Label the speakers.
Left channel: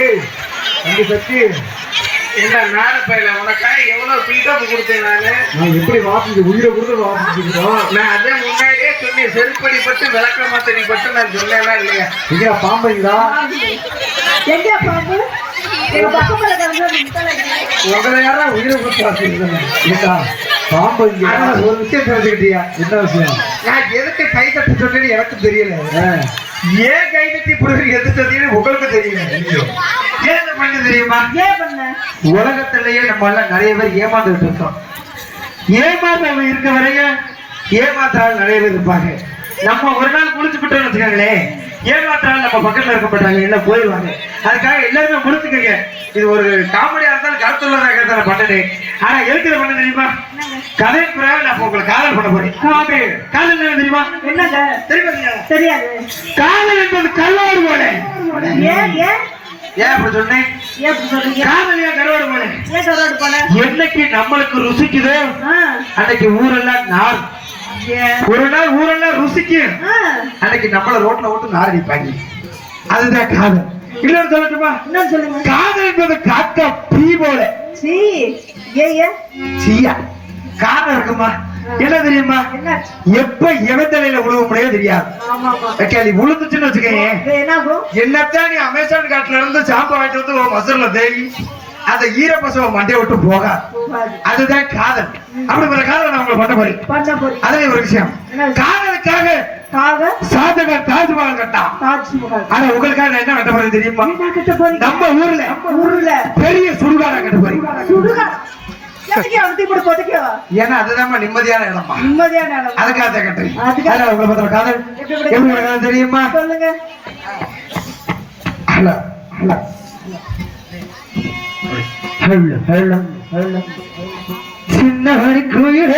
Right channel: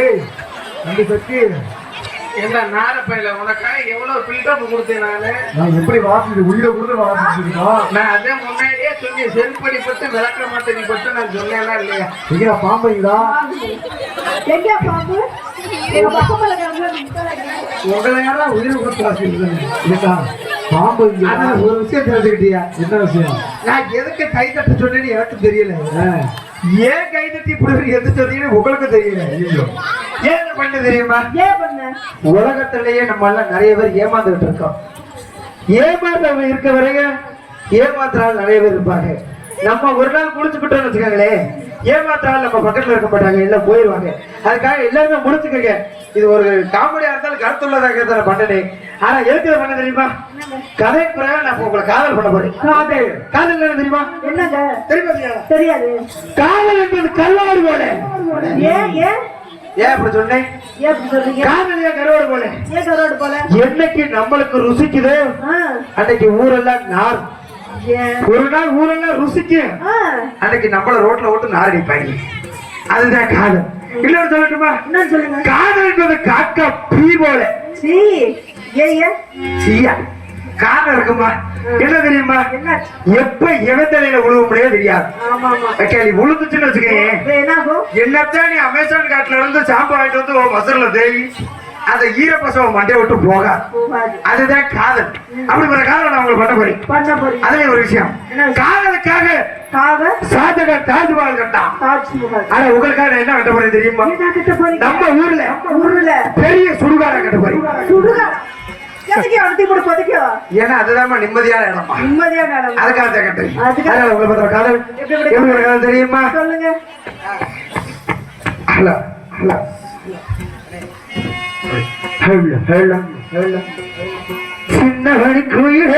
Speaker 1: ஏய் சக்தி
Speaker 2: என்ன நார பையில எவ்வளவு பில்டப் கொடுத்தேன் நானு
Speaker 1: நான் எப்படி வாசிச்சு உயிரை கொடுத்து வாசிச்சிருக்கோம்
Speaker 2: நான் அதே முன்னாடியே சொல்லி செருப்படி பட்டு விளக்க மாத்தனி பட்டு நான் சொன்னேனா இல்லையா
Speaker 1: எங்க பாம்பைங்களா
Speaker 3: எங்க பாம்பு
Speaker 1: உங்களை யாரா உயிரை கொடுத்து வாசிச்சிருக்கேன் பாம்பு ஒரு விஷயம் தெரிஞ்சுக்கிட்டியா என்ன விஷயம்?
Speaker 2: நான் எதுக்கு கை தட்ட சொன்னேன்னு எனக்கு தெரியல. ஏன் கை தட்டி இப்படி எது தெரியும் உங்களுக்கு தெரியல. ஏன் என்ன பண்ணு தெரியுமா?
Speaker 3: ஏன் பண்ண?
Speaker 2: உலகத்திலேயே நம்ம எல்லாம் நிறைய பேர் ஏமாந்துட்டு இருக்கோம் ஏமாந்தவங்க இருக்க வரையும் ஏமாத்துறாள் நிறைய பேர் இருப்பாங்க. நம்ம ஒரு நாள் முடிச்சுக்கிட்டோம்னு வச்சுக்கோங்களேன். ஏமாத்துறாள் நம்ம பக்கத்துல இருக்க மாட்டாங்க எல்லாம் போயிடுவாங்க அதுக்காக எல்லாருமே முடிச்சுக்கங்க இது ஒரு காமெடியா இருந்தாலும் கருத்துள்ளதாக நான் பண்ணனேன் ஆனா எதுக்கு பண்ண தெரியுமா? கதை பிறகு நான் இப்ப உங்களை காதல் பண்ண போறேன். காதல்? என்ன தெரியுமா?
Speaker 3: என்னங்க?
Speaker 2: தெரியுமா தெரியாதா? காதல் என்பது கல்லோடு போல.
Speaker 3: ஏன் ஏன்?
Speaker 2: ஏன் அப்படி சொன்னேன்?
Speaker 3: ஏன் அப்படி சொல்றீங்க?
Speaker 2: காதலியா கருவாடு போல? என்னைக்கு நம்மளுக்கு ருசிக்குதோ அன்னைக்கு ஊரெல்லாம் நார்.
Speaker 3: ஏன்
Speaker 2: ஒரு நாள் ஊரெல்லாம் ருசிக்கும்
Speaker 3: ஆ.
Speaker 2: அன்னைக்கு நம்மள ரோட்ல விட்டு நார் அடிப்பாங்க அதுதான் காதல். இன்னொரு சொல்லட்டுமா?
Speaker 3: என்ன சொல்லுங்க.
Speaker 2: காதல் என்பது காக்கா பீ போல. சீயா. காரணம் இருக்குமா? என்ன தெரியுமா? எப்ப எவத்தலையில விழுவும்னே தெரியாது.
Speaker 3: ஆமா ஆமா
Speaker 2: ஓகே நீ விழுந்துச்சுன்னு வச்சுக்கோங்க என்னத்தான் நீ அமேசான் காட்டுல இருந்து ஷாம்பு வாங்கிட்டு வந்து மசூர்ல தேவி அந்த ஈரப்பசவ மண்டைய விட்டு போகாது. அதுதான் காதல். அப்படிங்கிற காதலை
Speaker 3: போறீங்க
Speaker 2: அதுல ஒரு விஷயம்? காதலுக்காக
Speaker 3: காக
Speaker 2: ஷாஜகான் தாஜ்மஹால் கட்டான் ஆனா உங்களுக்காக என்ன கட்ட போறேன் தெரியுமா? நம்ம ஊர்ல
Speaker 3: ஊர்ல.
Speaker 2: பெரிய சுடுகாடா கட்ட போறேன் ஏன்னா அதுதான் நிம்மதியான இடமா
Speaker 3: நிம்மதியான இடம்
Speaker 2: அதுக்காக கட்டுறேன் உங்களுக்கு காதல்.
Speaker 3: எப்படி
Speaker 2: காதல் தெரியுமா?
Speaker 3: சொல்லுங்க.
Speaker 2: Hello hello. Hello hello. சின்னவனுக்கு சின்ன